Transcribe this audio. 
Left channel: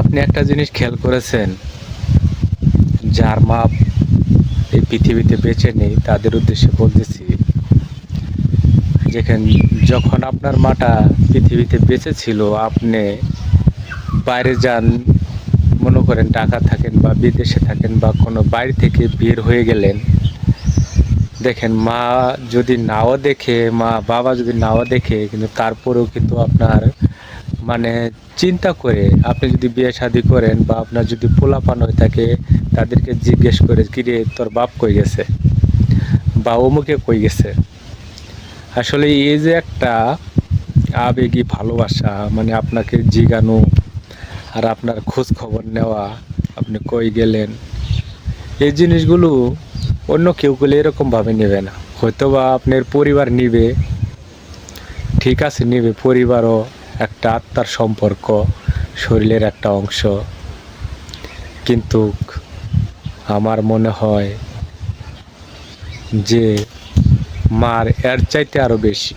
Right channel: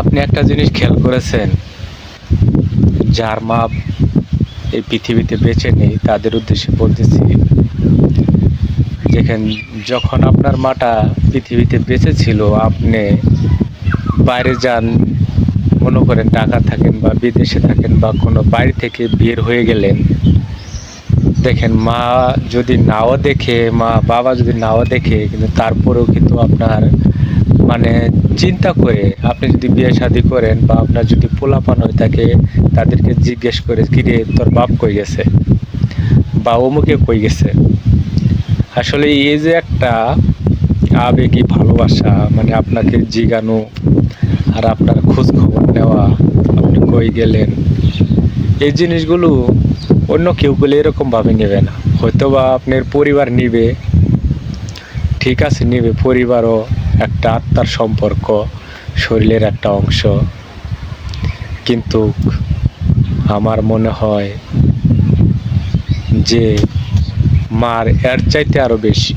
আপনি একটা জিনিস খেয়াল করেছেন, যার মা এই পৃথিবীতে বেঁচে নেই তাদের উদ্দেশ্যে বলতেছি, যেখানে যখন আপনার মাটা পৃথিবীতে বেঁচে ছিল, আপনি বাইরে যান, মনে করেন ঢাকা থাকেন বা বিদেশে থাকেন বা কোনো বাড়ি থেকে বের হয়ে গেলেন, দেখেন মা যদি নাও দেখে, মা বাবা যদি নাও দেখে, কিন্তু তারপরেও কিন্তু আপনার মানে চিন্তা করে, আপনি যদি বিয়ে শাদী করেন বা আপনার যদি পোলাপান হয়ে থাকে, তাদেরকে জিজ্ঞেস করে, কিরে তোর বাপ কই গেছে বা অমুকে কই গেছে। আসলে এই যে একটা আবেগী ভালোবাসা, মানে আপনাকে জিগানো আর আপনার খোঁজ খবর নেওয়া, আপনি কই গেলেন, এই জিনিসগুলো অন্য কেউ বলে এরকমভাবে নেবে না। হয়তো বা আপনার পরিবার নিবে, ঠিক আছে নিবে, পরিবারও একটা আত্মার সম্পর্ক, শরীরের একটা অংশ, কিন্তু আমার মনে হয় যে মার এর চাইতে আরো বেশি।